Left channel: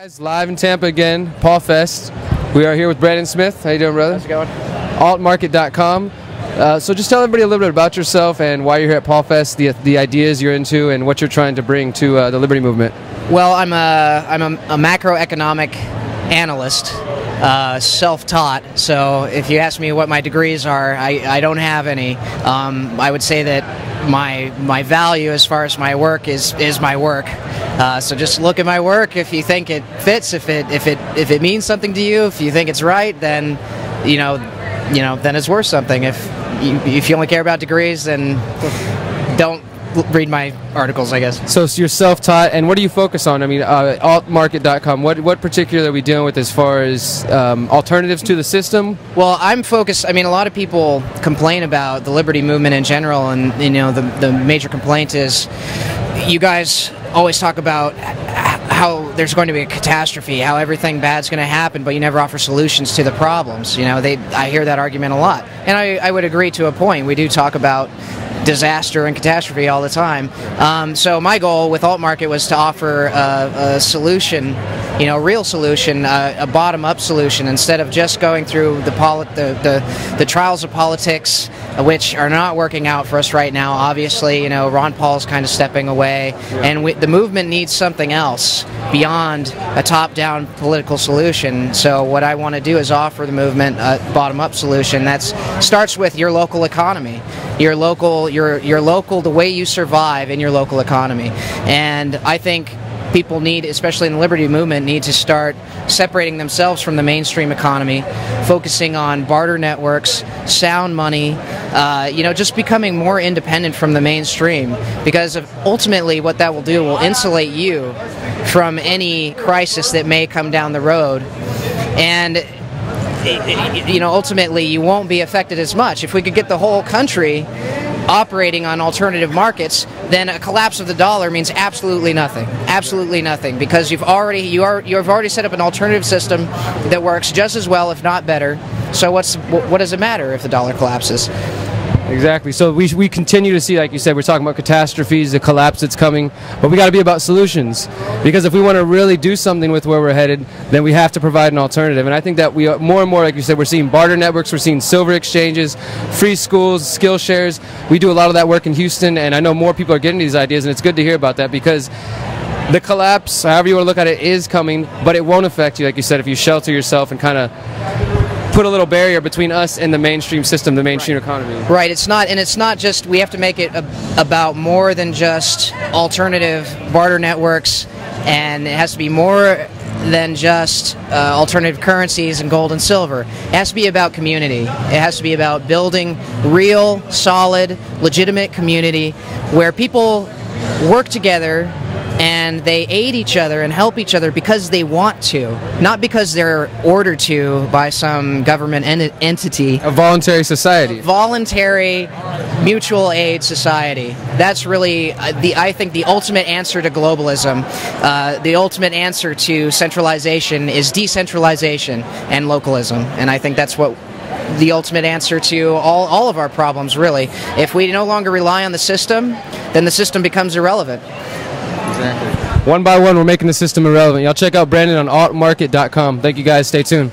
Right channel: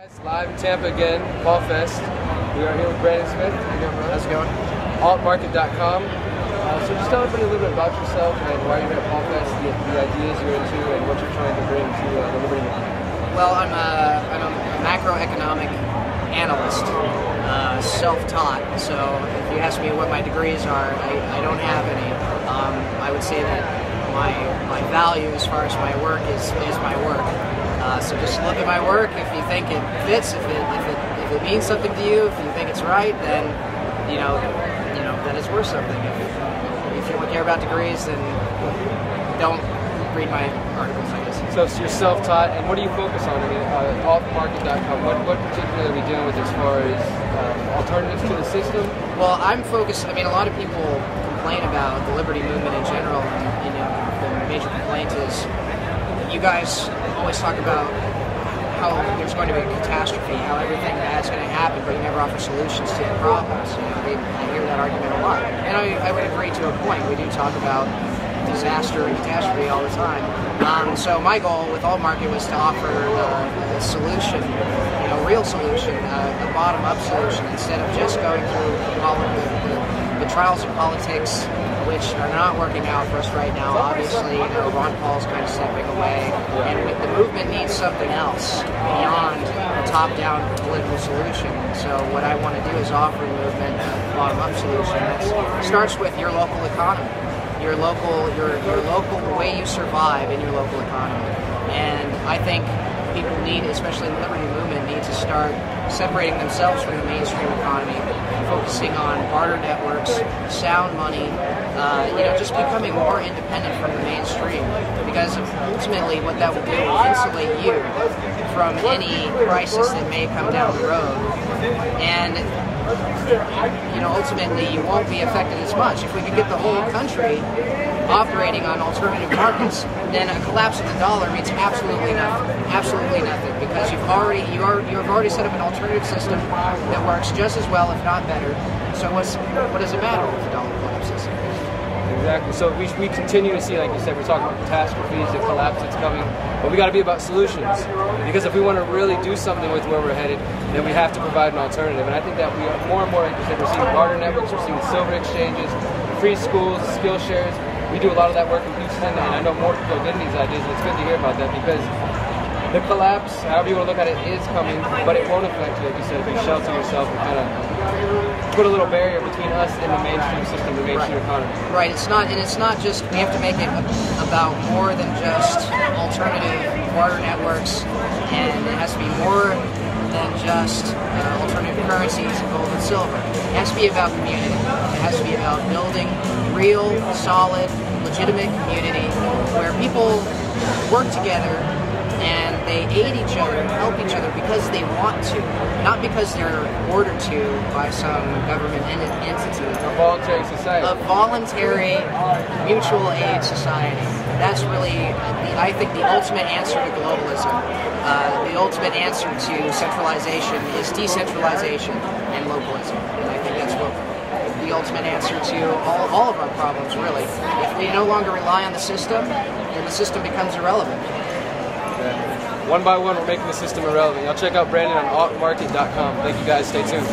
Guys, live in Tampa again, P.A.U.L Fest. We are here with Brandon Smith. How you doing, brother? How's it going? Altmarket.com. So just tell everybody a little bit about yourself and why you're here at P.A.U.L Fest, the ideas you're into, and what you're trying to bring to the Liberty Movement. Well, I'm a macroeconomic analyst, self-taught. So if you ask me what my degrees are, I don't have any. I would say that my value as far as my work is my work. So just look at my work. If you think it fits, if it means something to you, if you think it's right, then then it's worth something. If you only care about degrees, then don't read my articles, I guess. So you're self-taught, and what do you focus on? I mean, altmarket.com. What particularly are we dealing with as far as alternatives to the system? Well, I'm focused. I mean, a lot of people complain about the Liberty Movement in general, and the major complaint is you guys always talk about how there's going to be a catastrophe, how everything bad's going to happen, but you never offer solutions to the problems. I hear that argument a lot, and I would agree to a point. We do talk about disaster and catastrophe all the time. So my goal with Altmarket was to offer a solution, real solution, a bottom-up solution, instead of just going through the trials of politics, which are not working out for us right now. Obviously, Ron Paul's kind of stepping away, and the movement needs something else beyond a top-down political solution. So what I want to do is offer the movement a bottom-up solution that starts with your local economy. Your local, the way you survive in your local economy. And I think people need, especially in the Liberty Movement, need to start separating themselves from the mainstream economy, focusing on barter networks, sound money, just becoming more independent from the mainstream. Because ultimately what that will do will insulate you from any crisis that may come down the road. And ultimately you won't be affected as much. If we could get the whole country operating on alternative markets, then a collapse of the dollar means absolutely nothing, because you've already set up an alternative system that works just as well, if not better. So what does it matter if the dollar collapses? Exactly. So we continue to see, like you said, we're talking about catastrophes, the collapse that's coming, but we got to be about solutions. Because if we want to really do something with where we're headed, then we have to provide an alternative. And I think that we are more and more, like you said, we're seeing barter networks, we're seeing silver exchanges, free schools, skill shares. We do a lot of that work in Houston, and I know more people are getting these ideas, and it's good to hear about that, because the collapse, however you want to look at it, is coming, but it won't affect you, like you said, if you shelter yourself and kind of put a little barrier between us and the mainstream system, the mainstream economy. Right. It's not just, we have to make it about more than just alternative barter networks, and it has to be more than just alternative currencies and gold and silver. It has to be about community. It has to be about building real, solid, legitimate community where people work together and they aid each other and help each other because they want to, not because they're ordered to by some government entity. A voluntary society. A voluntary mutual aid society. That's really, I think, the ultimate answer to globalism. The ultimate answer to centralization is decentralization and localism. And I think that's what the ultimate answer to all of our problems, really. If we no longer rely on the system, then the system becomes irrelevant. Exactly. One by one, we're making the system irrelevant. Y'all check out Brandon on altmarket.com. Thank you guys. Stay tuned.